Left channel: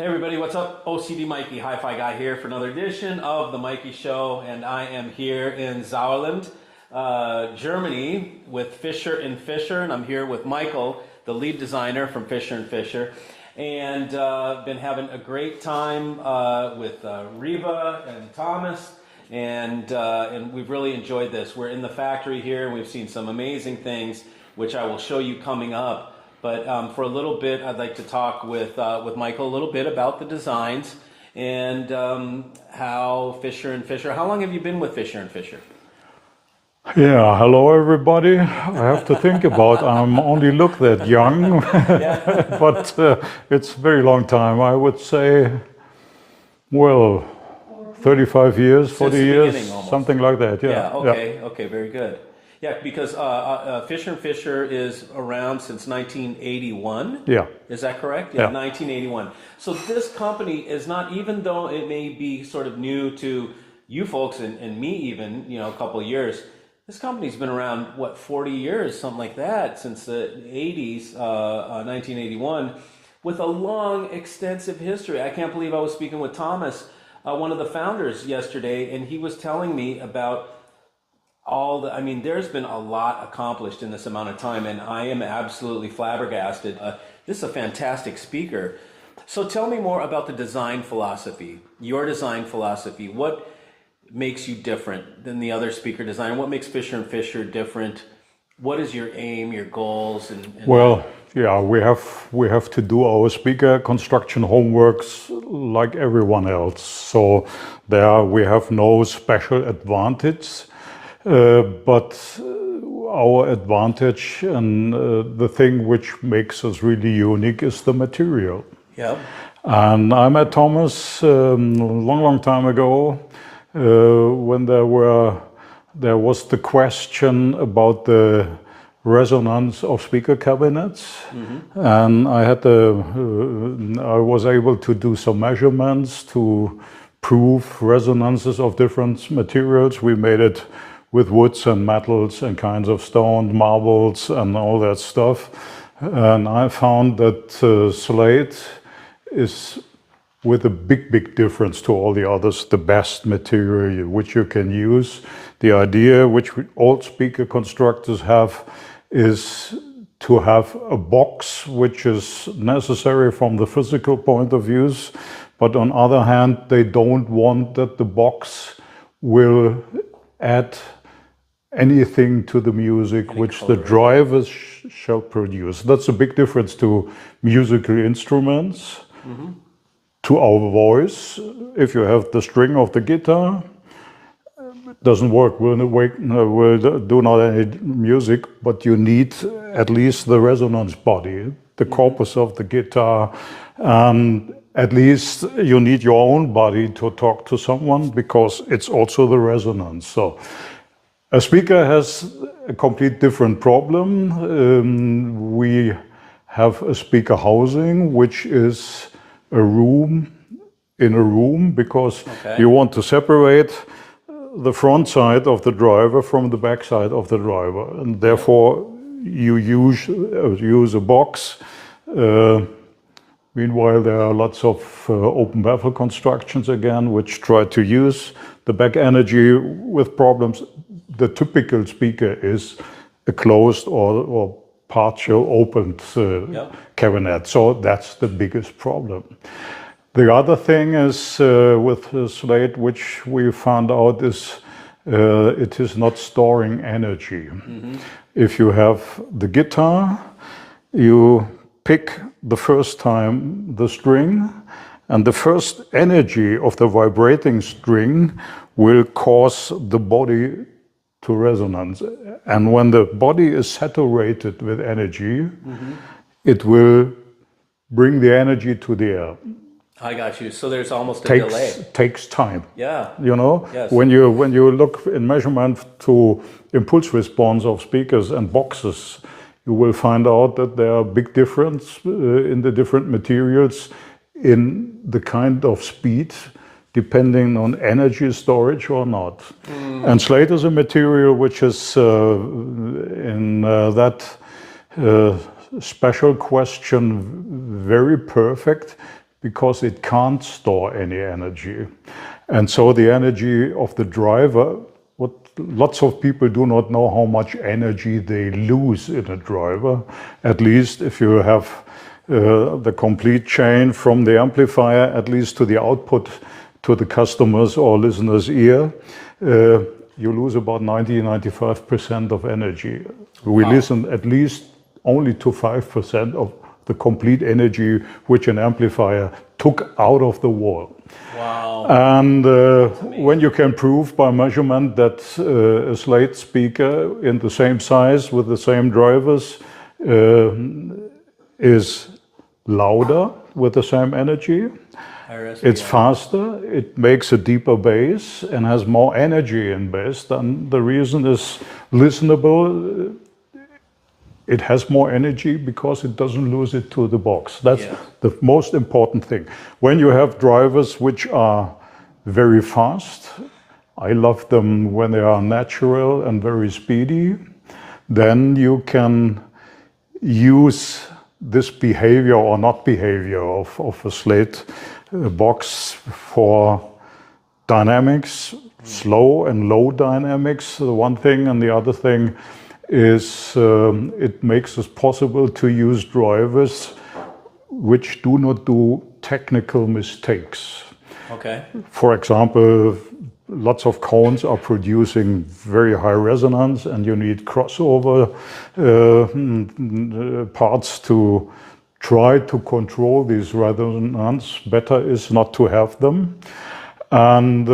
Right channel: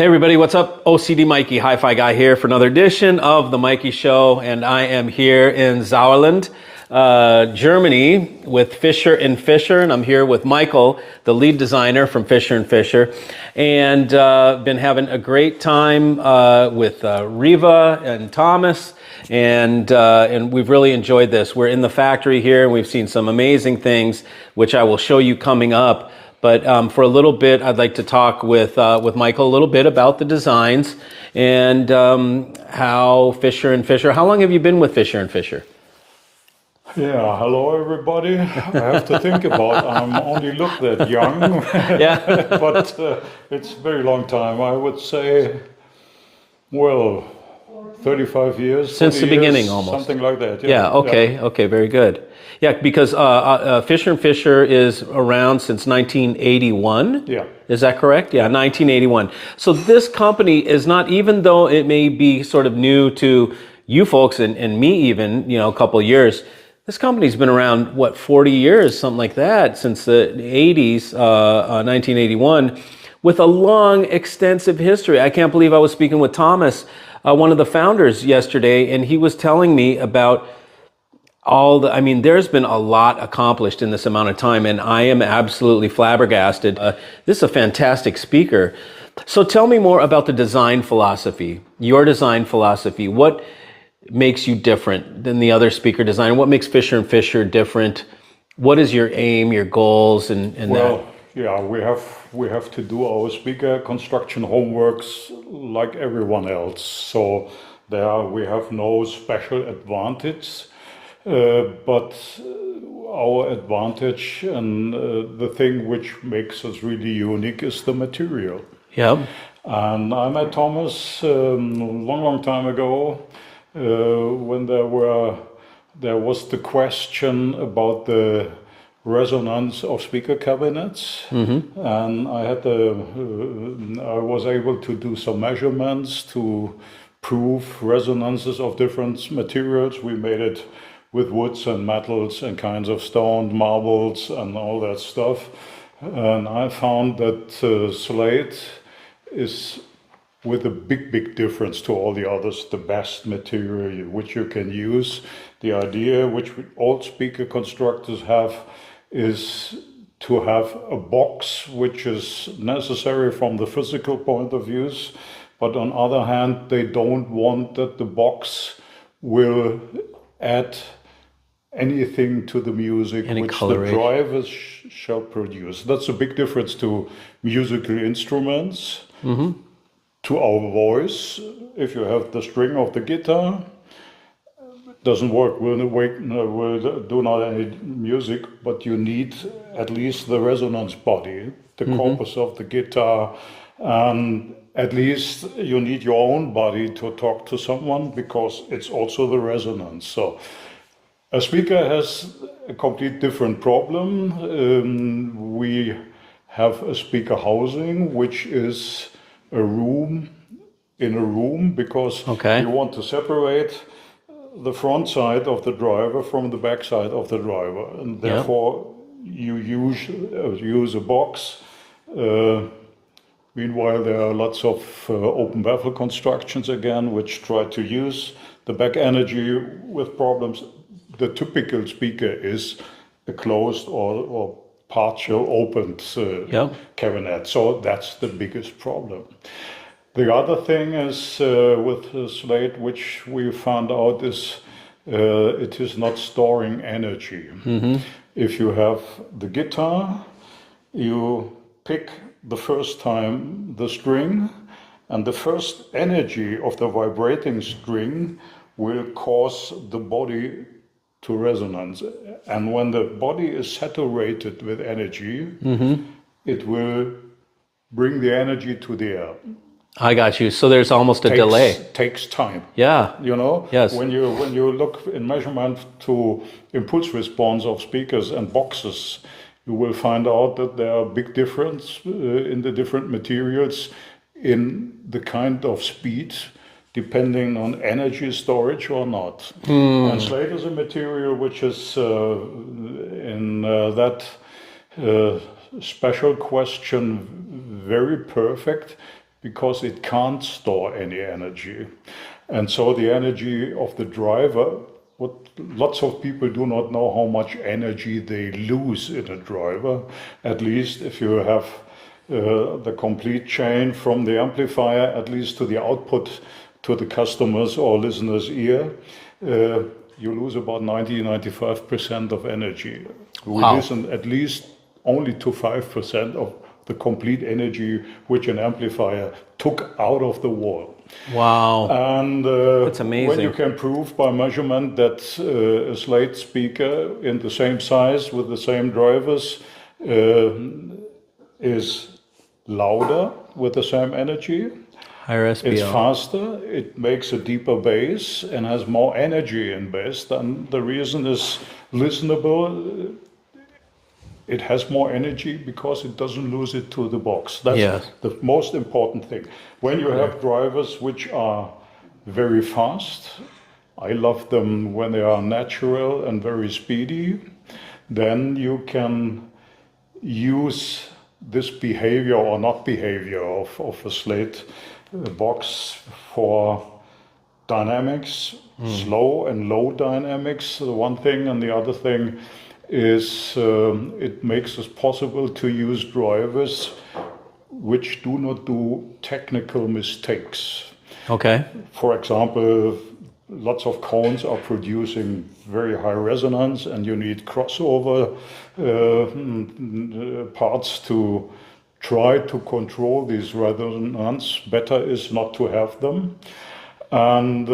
Hey everybody, what's up? OCD Mikey, Hi-Fi Guy here for another edition of The Mikey Show, and I am here in Sauerland, Germany with Fischer&Fischer, and I'm here with Michael, the lead designer from Fischer&Fischer, and been having a great time with Riva and Thomas, and we've really enjoyed this. We're in the factory here, and we've seen some amazing things, which I will show you coming up. But for a little bit, I'd like to talk with Michael a little bit about the designs and how Fischer&Fischer. How long have you been with Fischer&Fischer? Yeah, hello everybody. I have to think about. I'm only look that young, Yeah, but it's a very long time. I would say, well, 35 years, since 40 the years, beginning almost. something like that. Yeah. Okay. Yeah. Okay. Very good. Yeah, because Fischer&Fischer is around since 1981. Yeah. Is that correct? Yeah, 1981. So this company is not, even though it may be sort of new to you folks and me even, a couple of years, this company's been around, 40 years, something like that, since the 80s, 1981, with a long, extensive history. I can't believe I was speaking with Thomas, one of the founders, yesterday, and he was telling me about there's been a lot accomplished in this amount of time, and I am absolutely flabbergasted. This is a fantastic speaker. So tell me more about the design philosophy, your design philosophy. What makes you different than the other speaker design? What makes Fischer&Fischer different? What is your aim, your goals, and Well, yeah, we have to do our speaker construction homeworks like everyone else. So there we have no special advantage. But our advantage and the thing which makes us really unique is the material. Yeah. And I met Thomas long time ago when there was the question about the resonance of speaker cabinets, and I was able to do some measurements to prove resonances of different materials. We made it with woods and metals and kinds of stone, marbles and all that stuff. And I found that Slate is, with a big difference to all the others, the best material which you can use. The idea which all speaker constructors have is to have a box which is necessary from the physical point of view, but on other hand, they don't want that the box will add anything to the music which the drivers shall produce. That's a big difference to musical instruments, to our voice. If you have the string of the guitar, it doesn't work, will do not any music, but you need at least the resonance body, the corpus of the guitar. At least you need your own body to talk to someone, because it's also the resonance. So a speaker has a complete different problem. We have a speaker housing, which is a room in a room, because you want to separate the front side of the driver from the back side of the driver. And therefore you use a box. Meanwhile, there are lots of open baffle constructions again, which try to use the back energy with problems. The typical speaker is a closed or partial opened cabinet. So that's the biggest problem. The other thing is with the Slate, which we found out, is it is not storing energy. If you have the guitar, you pick the first time the string, and the first energy of the vibrating string will cause the body to resonance. And when the body is saturated with energy, it will bring the energy to the air. I got you. So there's almost a delay. Takes time. Yeah. Yes. When you look in measurement to impulse response of speakers and boxes, you will find out that there are big difference in the different materials in the kind of speed, depending on energy storage or not. And Slate is a material which is in that special question very perfect, because it can't store any energy. And so the energy of the driver, what lots of people do not know how much energy they lose in a driver, at least if you have the complete chain from the amplifier, at least to the output to the customer's or listener's ear, you lose about 90-95% of energy. We listen at least only to 5% of the complete energy which an amplifier took out of the wall. Wow. And That's amazing. when you can prove by measurement that a Slate speaker in the same size with the same drivers is louder with the same energy, Higher SPL. it's faster, it makes a deeper bass and has more energy in bass, then the reason is listenable. It has more energy because it doesn't lose it to the box. That's the most important thing. When you have drivers which are very fast, I love them when they are natural and very speedy, then you can use this behavior or not behavior of a Slate box for dynamics, slow and low dynamics, one thing, and the other thing is it makes it possible to use drivers which do not do technical mistakes. Okay. For example, lots of cones are producing very high resonance and you need crossover parts to try to control these resonance. Better is not to have them. And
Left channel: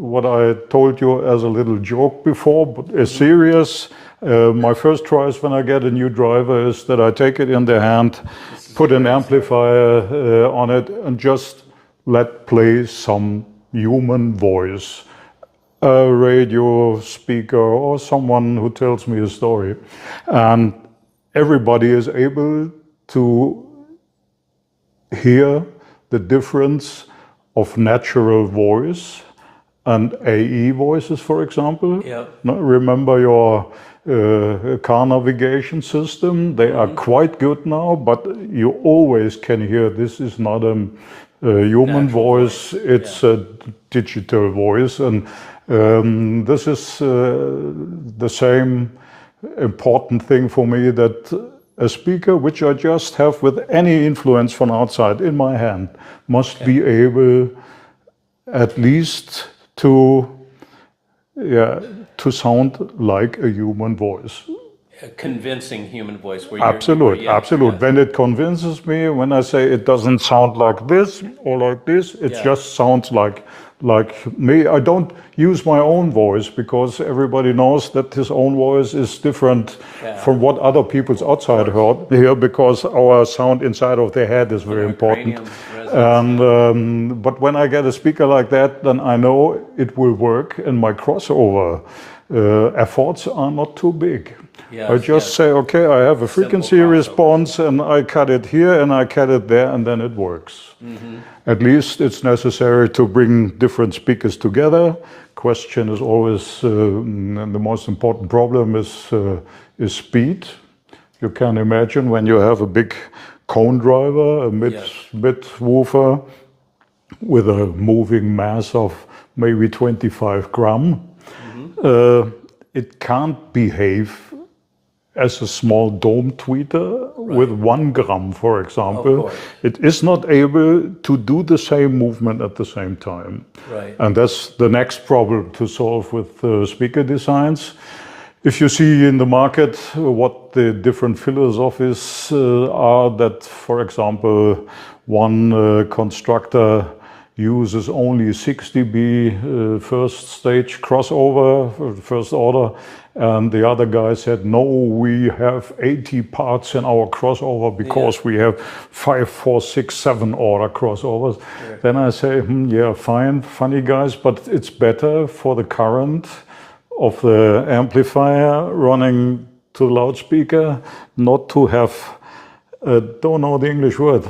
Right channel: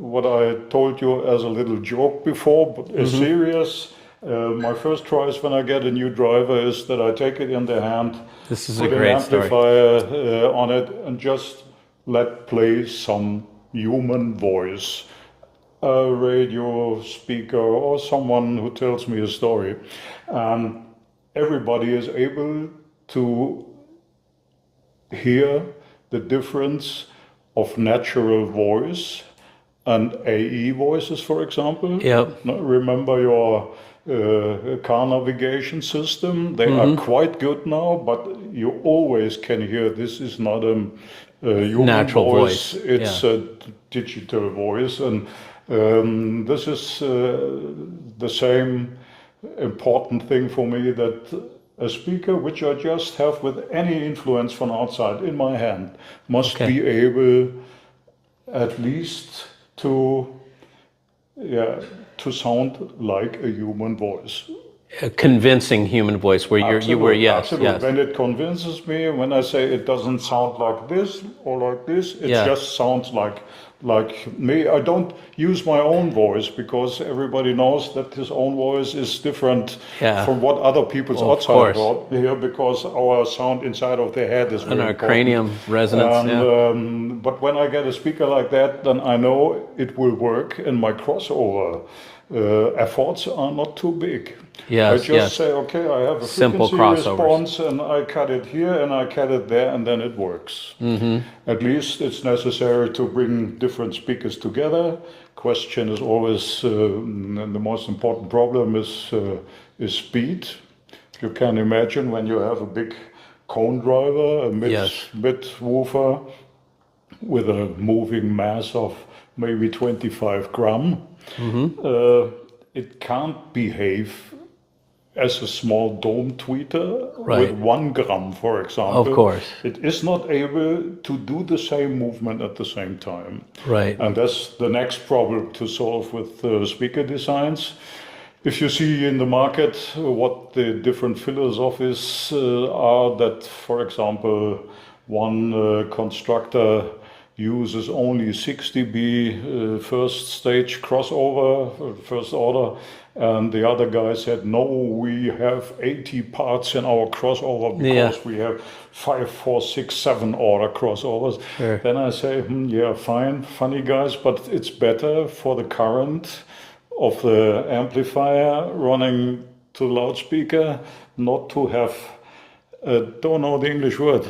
what I told you as a little joke before, but is serious. My first choice when I get a new driver is that I take it in the hand, put an amplifier on it, and just let play some human voice, a radio speaker or someone who tells me a story. And everybody is able to hear the difference of natural voice and AE voices, for example. Yep. Remember your car navigation system? They are quite good now, but you always can hear this is not a human Natural voice, it's a digital voice. And this is the same important thing for me, that a speaker which I just have with any influence from outside in my hand must be able at least to sound like a human voice. A convincing human voice where Absolutely. yes. When it convinces me, when I say it doesn't sound like this or like this, it just sounds like me. I don't use my own voice because everybody knows that his own voice is different from what other people's outside hear, because our sound inside of the head is very important. Cranium resonance. And, but when I get a speaker like that, then I know it will work, and my crossover efforts are not too big. I just say, okay, I have a frequency response and I cut it here and I cut it there, and then it works. At least it's necessary to bring different speakers together. Question is always, and the most important problem is speed. You can imagine when you have a big cone driver, a mid woofer with a moving mass of maybe 25 gram, it can't behave as a small dome tweeter with 1 gram, for example. Of course. It is not able to do the same movement at the same time. Right. And that's the next problem to solve with speaker designs. If you see in the market what the different philosophies are, that, for example, one constructor uses only 6 dB first stage crossover, first order, and the other guy said, no, we have 80 parts in our crossover because we have 5, 4, 6, 7 order crossovers. Then I say, yeah, fine, funny guys, but it's better for the current of the amplifier running to the loudspeaker not to have, don't know the English word,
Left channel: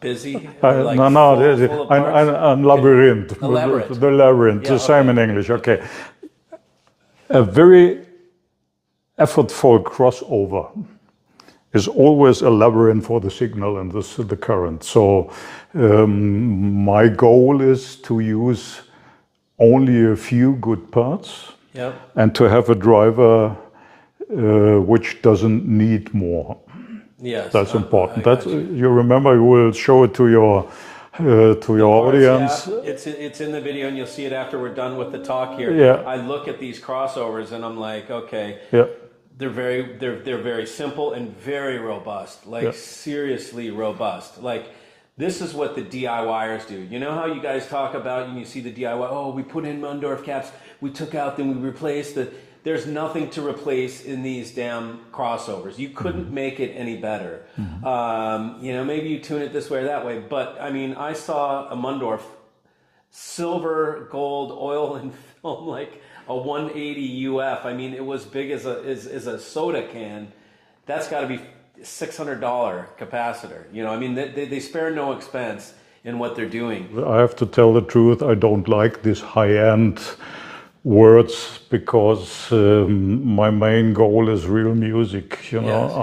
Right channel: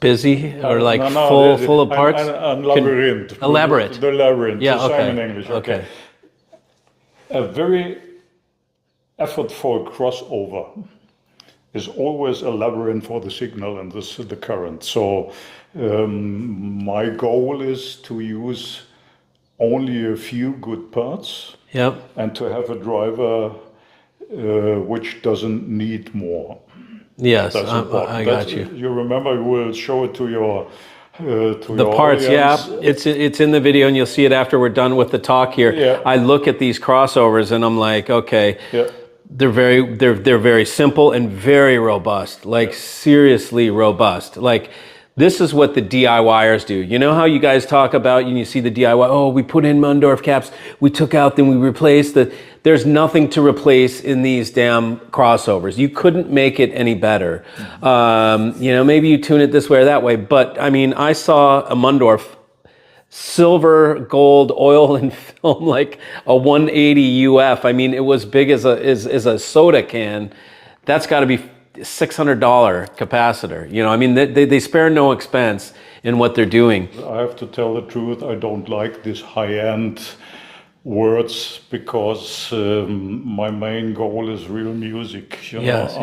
busy or like full of parts? A labyrinth. A labyrinth. The labyrinth, the same in English, okay. A very effortful crossover is always a labyrinth for the signal and the current. So my goal is to use only a few good parts Yep. and to have a driver which doesn't need more. Yes. That's important. I got you. You remember, you will show it to your The parts, audience. yeah, it's in the video, and you'll see it after we're done with the talk here. Yeah. I look at these crossovers, and I'm like, okay, Yeah. they're very simple and very robust, like seriously robust. Like this is what the DIYers do. You know how you guys talk about, and you see the DIY, oh, we put in Mundorf caps, we took out, then we replaced the. There's nothing to replace in these damn crossovers. You couldn't make it any better. You know, maybe you tune it this way or that way, but I mean, I saw a Mundorf silver, gold, oil and film, like a 180 UF. I mean, it was big as a soda can. That's got to be $600 capacitor. You know, I mean, they spare no expense in what they're doing. I have to tell the truth, I don't like this high-end words because my main goal is real music. You know, Yes.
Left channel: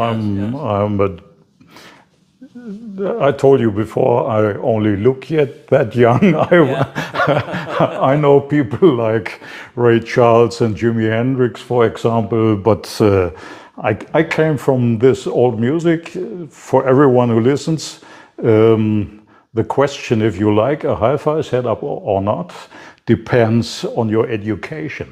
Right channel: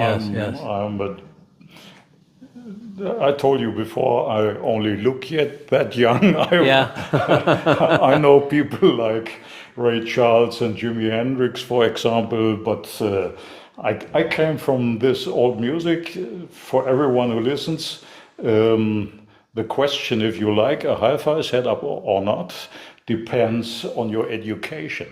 I told you before, I only look yet that young. I know people like Ray Charles and Jimi Hendrix, for example, but I came from this old music. For everyone who listens, the question if you like a hi-fi setup or not depends on your education.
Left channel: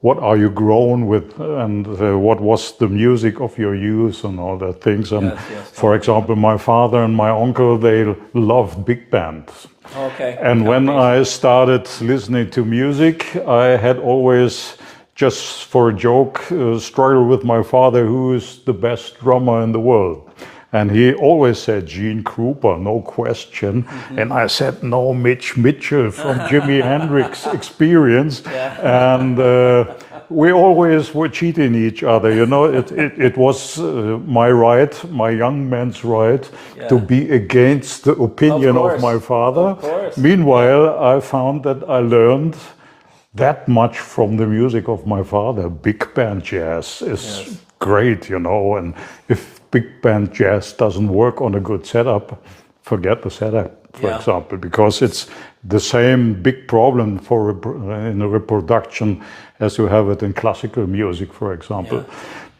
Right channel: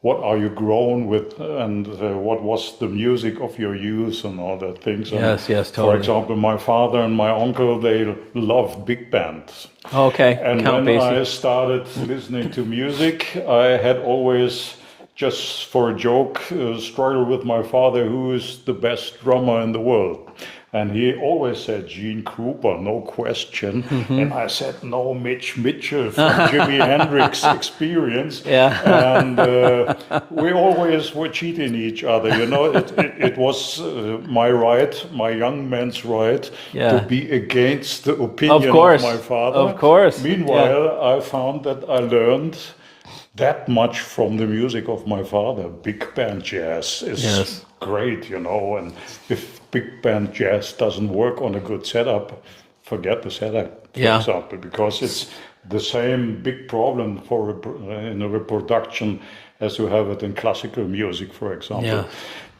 What are you grown with, and what was the music of your youth and all that things. And Yes, totally. For example, my father and my uncle, they loved big bands. Okay. And Count when Basie. I started listening to music, I had always, just for a joke, struggled with my father, who's the best drummer in the world. And he always said Gene Krupa, no question. And I said, no, Mitch Mitchell from Jimi Hendrix Experience. Yeah. And we always were cheating each other. You know, it was my right, my young man's right, to be against the opinion of my father. Of course. Meanwhile, I found that I learned that much from the music of my father. Big band jazz is great, you know, and if big band jazz doesn't work on a good setup, forget the setup, for example, because it's the same big problem in a reproduction as you have it in classical music, for example. Yeah.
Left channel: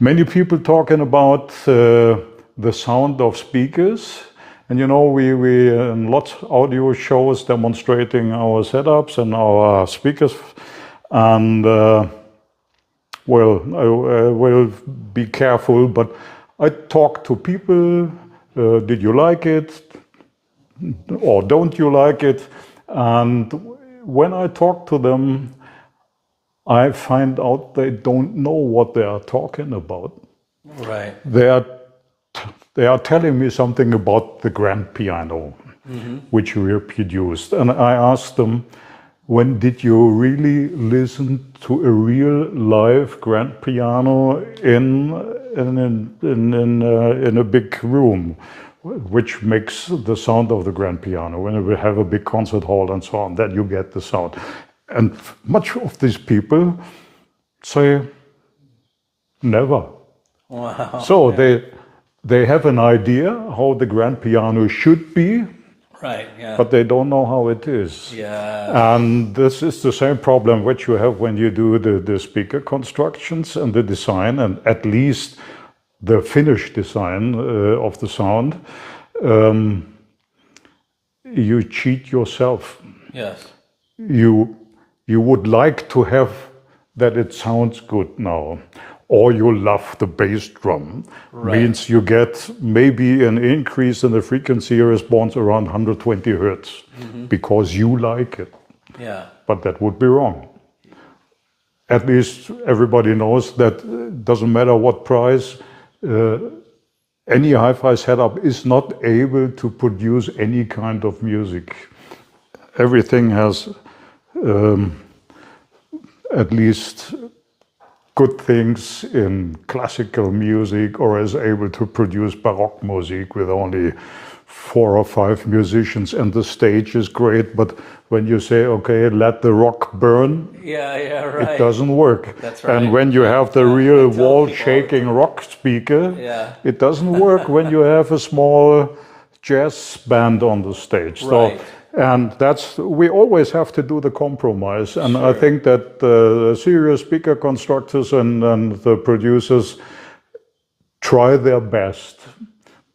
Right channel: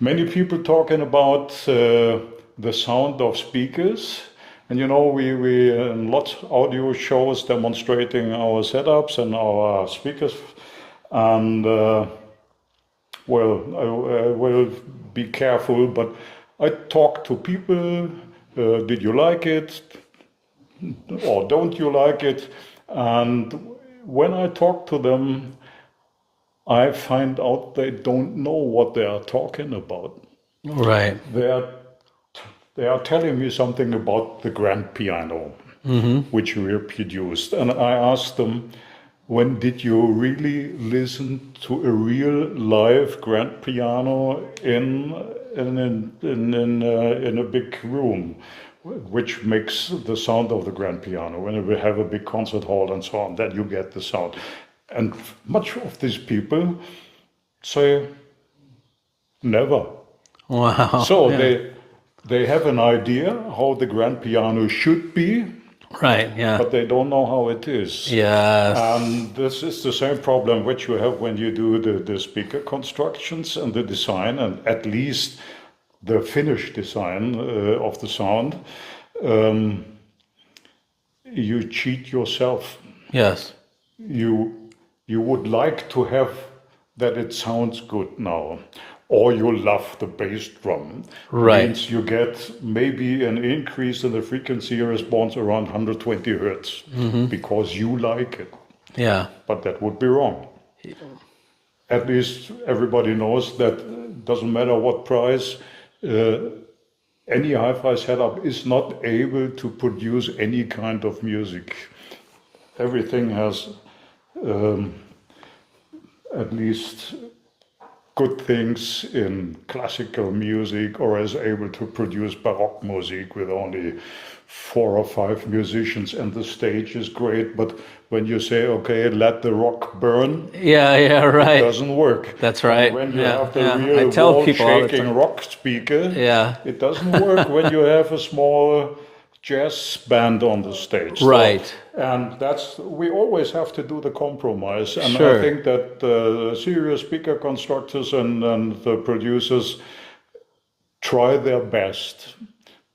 Many people talking about the sound of speakers. And you know, we in lots of audio shows demonstrating our setups and our speakers, and I will be careful, but I talk to people, did you like it, or don't you like it? And when I talk to them, I find out they don't know what they are talking about. Right. They are telling me something about the grand piano, which we produced. And I asked them, when did you really listen to a real live grand piano in a big room, which makes the sound of the grand piano? When we have a big concert hall and so on, that you get the sound. And much of these people say, never. Wow. So they have an idea how the grand piano should be, Right, yeah. but they don't know how it is. Yes. And this is the same problem which you have when you do the speaker constructions and the design, and at least the finished design of the sound. You cheat yourself. Yes. You would like to have that it sounds good now, or you love the bass drum. Right. Means you get maybe an increase in the frequency response around 120 hertz because you like it. Yeah. But that would be wrong. At least everybody knows that doesn't matter what price, any hi-fi setup is not able to produce any kind of music. Everything has at least good things in classical music, or is able to produce Baroque music with only 4 or 5 musicians and the stage is great, but when you say, okay, let the rock burn, Yeah, right. it doesn't work. That's right. And when you have the I real tell people all the wall-shaking time. rock speaker, Yeah. it doesn't work when you have a small jazz band on the stage. Right. So, and we always have to do the compromise. And Sure. I think that the serious speaker constructors and the producers try their best,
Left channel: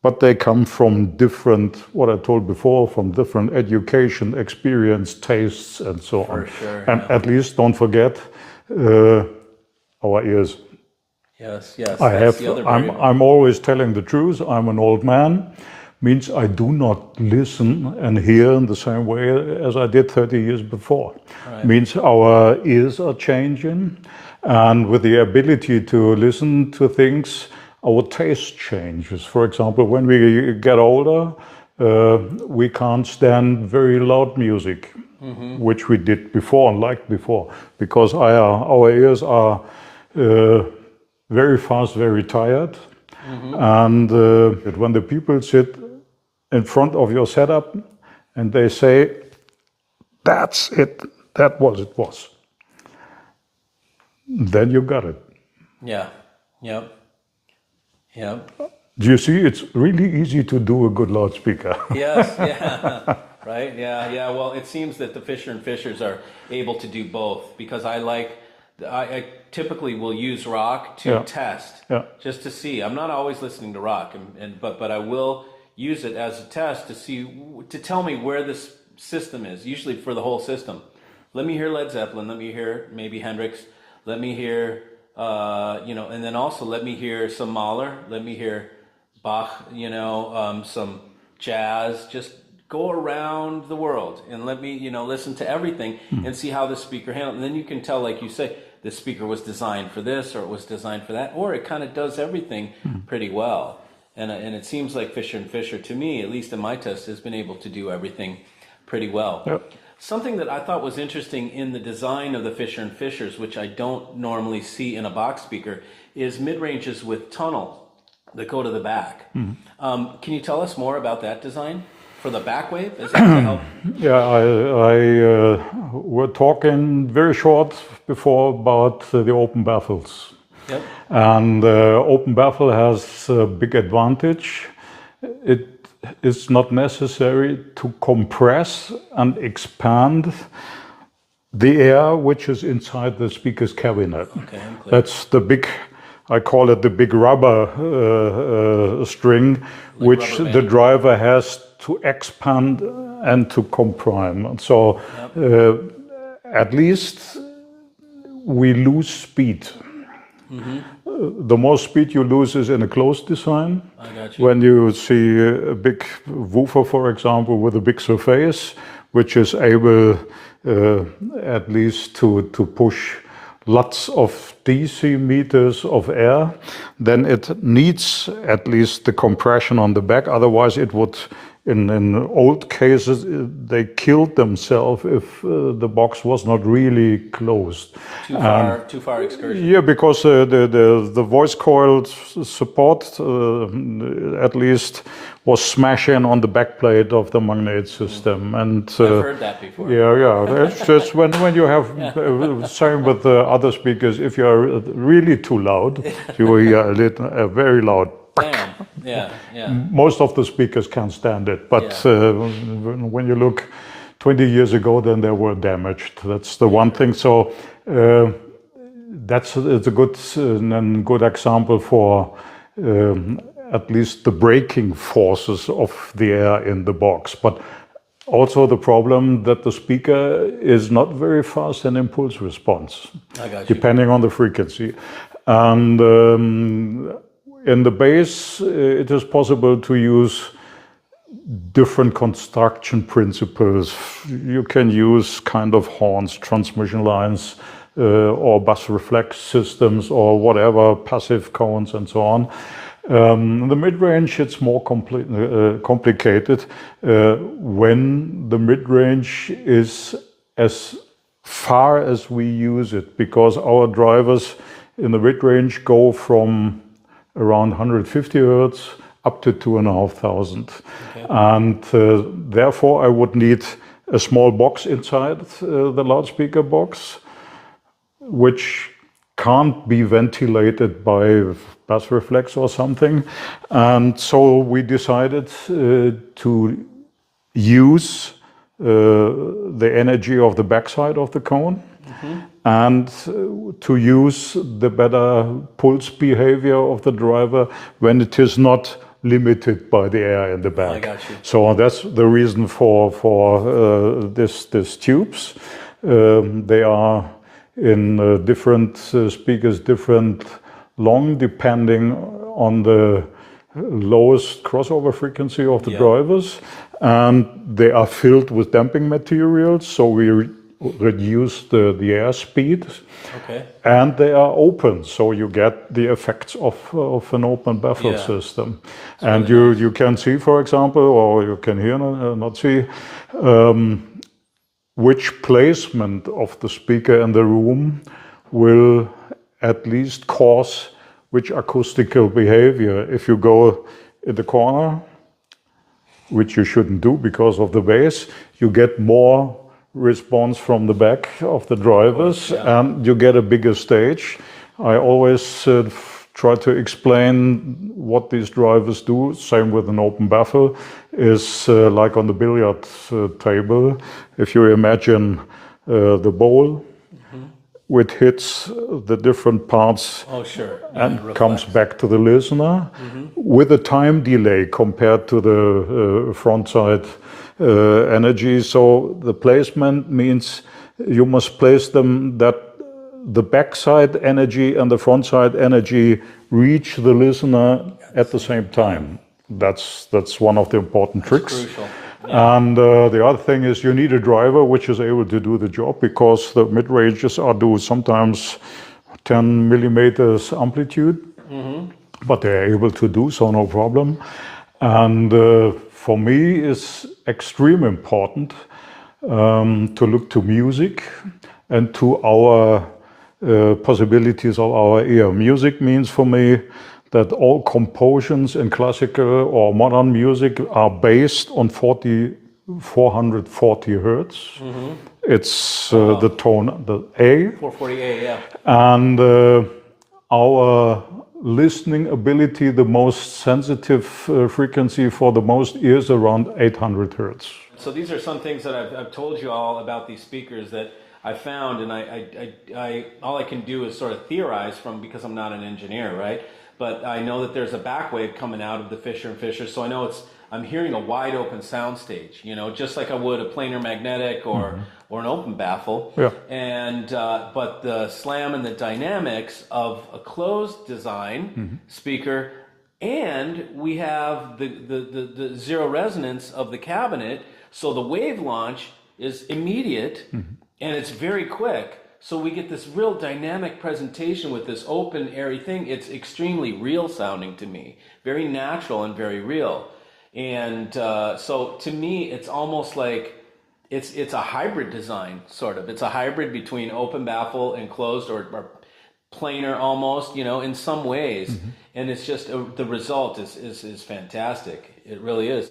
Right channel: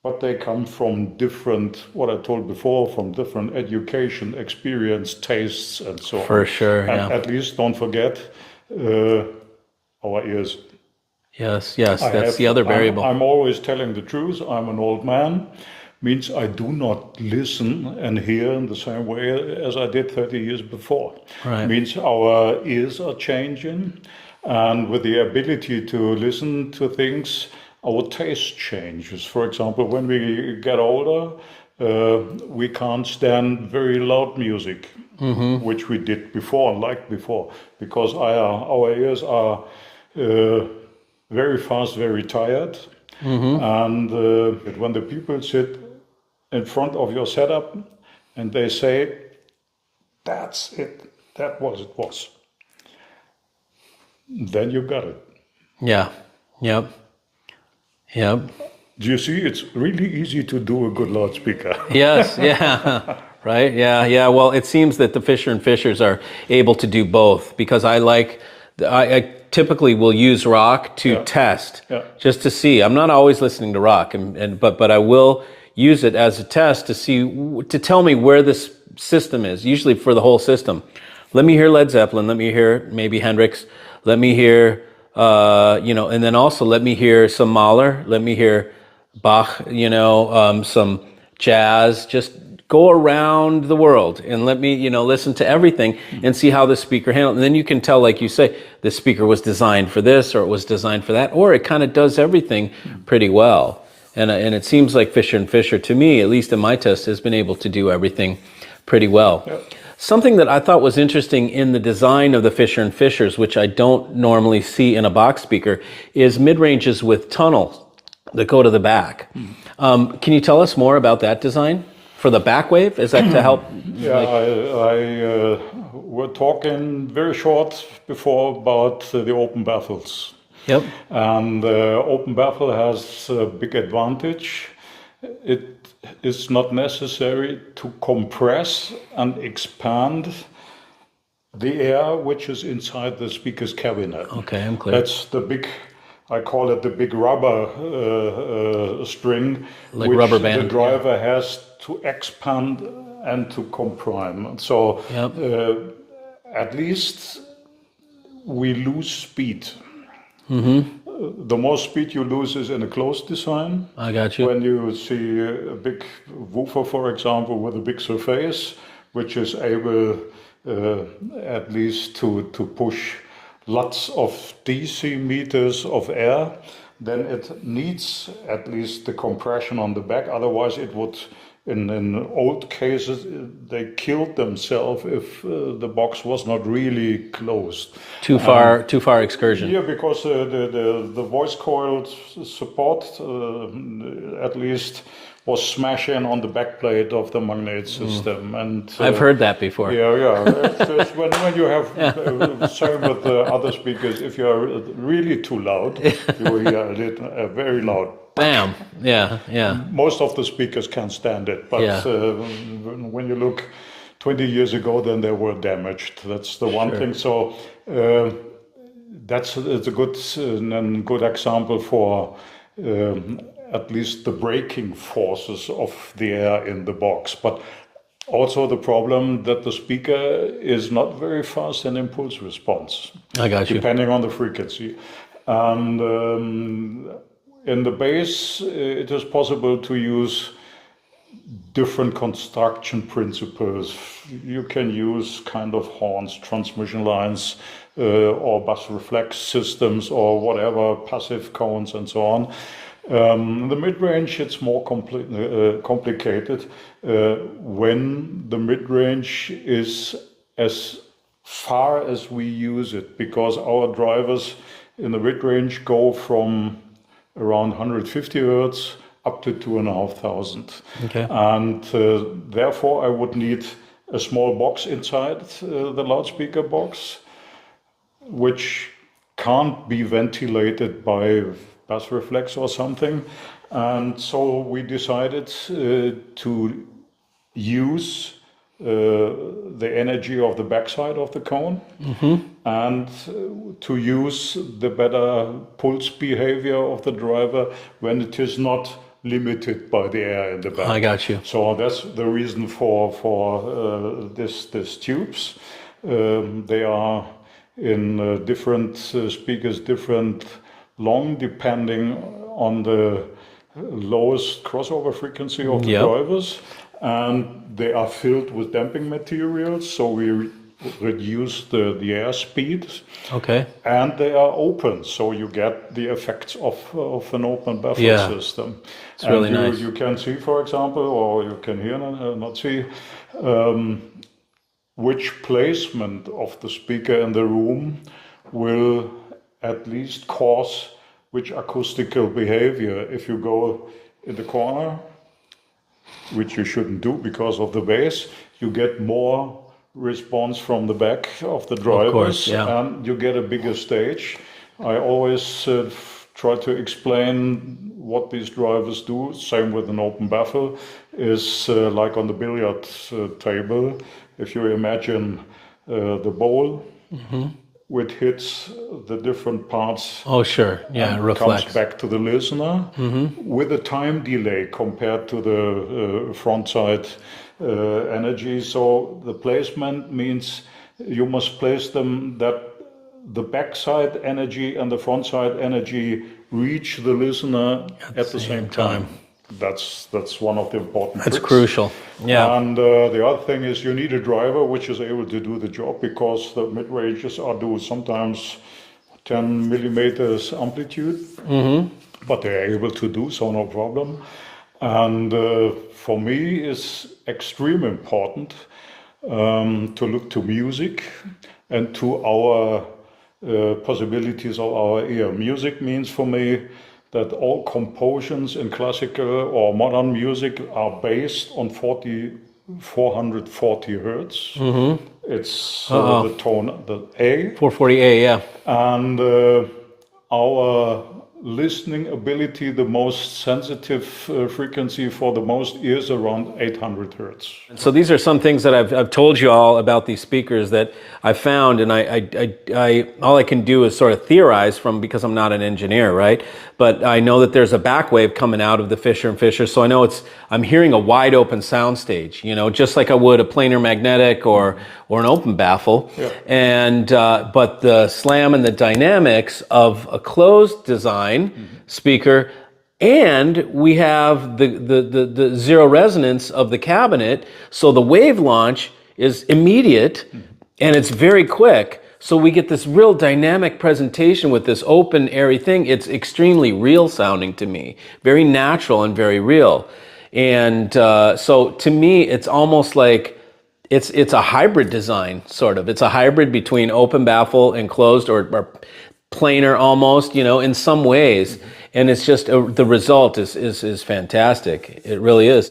but they come from different, what I told before, from different education, experience, tastes, and so on. For sure, And yeah. at least don't forget our ears. Yes, that's the other variable. I'm always telling the truth. I'm an old man. Means I do not listen and hear in the same way as I did 30 years before. Right. Means our ears are changing, and with the ability to listen to things, our taste changes. For example, when we get older, we can't stand very loud music, which we did before and liked before, because our ears are very fast, very tired. And when the people sit in front of your setup and they say, that's it, that was it was, then you got it. Yeah, yep. Do you see, it's really easy to do a good loudspeaker. Yes, yeah, right, yeah. Well, it seems that the Fischer and Fischers are able to do both, because I typically will use rock to test, just to see. I'm not always listening to rock, but I will use it as a test to see, to tell me where this system is, usually for the whole system. Let me hear Led Zeppelin, let me hear maybe Hendrix, let me hear, and then also let me hear some Mahler, let me hear Bach, some jazz, just go around the world and let me, listen to everything and see how the speaker handles it. And then you can tell, like you say, the speaker was designed for this, or it was designed for that, or it kind of does everything pretty well. And it seems like Fischer and Fischer, to me, at least in my test, has been able to do everything pretty well. Yep. Something that I thought was interesting in the design of the Fischer and Fischers, which I don't normally see in a box speaker, is mid-ranges with tunnels that go to the back. Can you tell us more about that design for the back wave? Is that to help? Yeah, we're talking very short before about the open baffles. Yep. And open baffle has a big advantage. It is not necessary to compress and expand the air which is inside the speaker's cabinet. Okay, I'm clear. That's the big, I call it the big rubber string, Like which rubber band. the driver has to expand and to comprime. So at least we lose speed. The most speed you lose is in a closed design. I got you. When you see a big woofer, for example, with a big surface, which is able at least to push lots of DC meters of air, then it needs at least the compression on the back. Otherwise, it would, in old cases, they killed themselves if the box was not really closed. Too far excursion. Yeah, because the voice coil support at least was smashing on the backplate of the magnet system. And I've heard that before. Yeah. It's just when you have same with the other speakers, if you're really too loud, you hear very loud. Bam. Yeah. Most of the speakers can't stand it, but when you look 20 years ago, then they were damaged. That's the one thing. So it's a good example for at least the braking forces of the air in the box. But also the problem that the speaker is not very fast in impulse response. I got you. Depending on the frequency. And in the bass, it is possible to use different construction principles. You can use kind of horns, transmission lines, or bus reflex systems, or whatever, passive cones and so on. The mid-range, it's more complicated when the mid-range is as far as we use it, because our drivers in the mid-range go from around 150 hertz up to 2,500. Okay. And therefore I would need a small box inside the loudspeaker box, which can't be ventilated by bass reflex or something. And so we decided to use the energy of the backside of the cone, and to use the better pulse behavior of the driver when it is not limited by the air in the back. I got you. So that's the reason for this tubes. They are in different speakers, different long, depending on the lowest crossover frequency of the drivers. And they are filled with damping materials, so we reduce the air speed. Okay. And they are open, so you get the effects of an open baffle system. It's and really nice. You can see, for example, or you can hear, not see, which placement of the speaker in the room will at least cause which acoustical behavior. If you go in the corner, which you shouldn't do because of the bass, you get more response from the back of the drivers, and you get a bigger stage. I always try to explain what these drivers do. Same with an open baffle, is like on the billiard table. If you imagine the ball, which hits the different parts and comes back to the listener with a time delay compared to the front side energy. So the placement means you must place them that the backside energy and the front side energy reach the listener at the same time. That's one of the important tricks. That's crucial. Yeah. And the other thing is you need a driver which is able to do the job, because the mid-ranges are do sometimes 10 millimeters amplitude, but they're able to do so, no problem. And for me, it's extremely important to look to music and to our possibilities of our ear. Music means for me that all compositions in classical or modern music are based on 440 hertz. It's the tone, the A. 440A, yeah. And our listening ability, the most sensitive frequency for the most ears, around 800 hertz. So these are some things that I've told you all about these speakers that I found, and I all I can do is sort of theorize from, because I'm not an engineer, right? But I know that there's a back wave coming out of the Fischer&Fischer, so I know I'm hearing a wide open sound stage, just like I would a planar magnetic or an open baffle. Yeah. And but the slam and the dynamics of a closed design speaker, and we have the zero resonance of the cabinet, so the wave launch is immediate and it's very quick. So we get this real dynamic presentation with this open, airy thing. It's extremely real sounding to me, very natural and very real. And so to me, it's almost like it's a hybrid design, sort of. It's a hybrid between open baffle and closed, or planar almost, in some ways. And it's just the result is fantastic. It really is.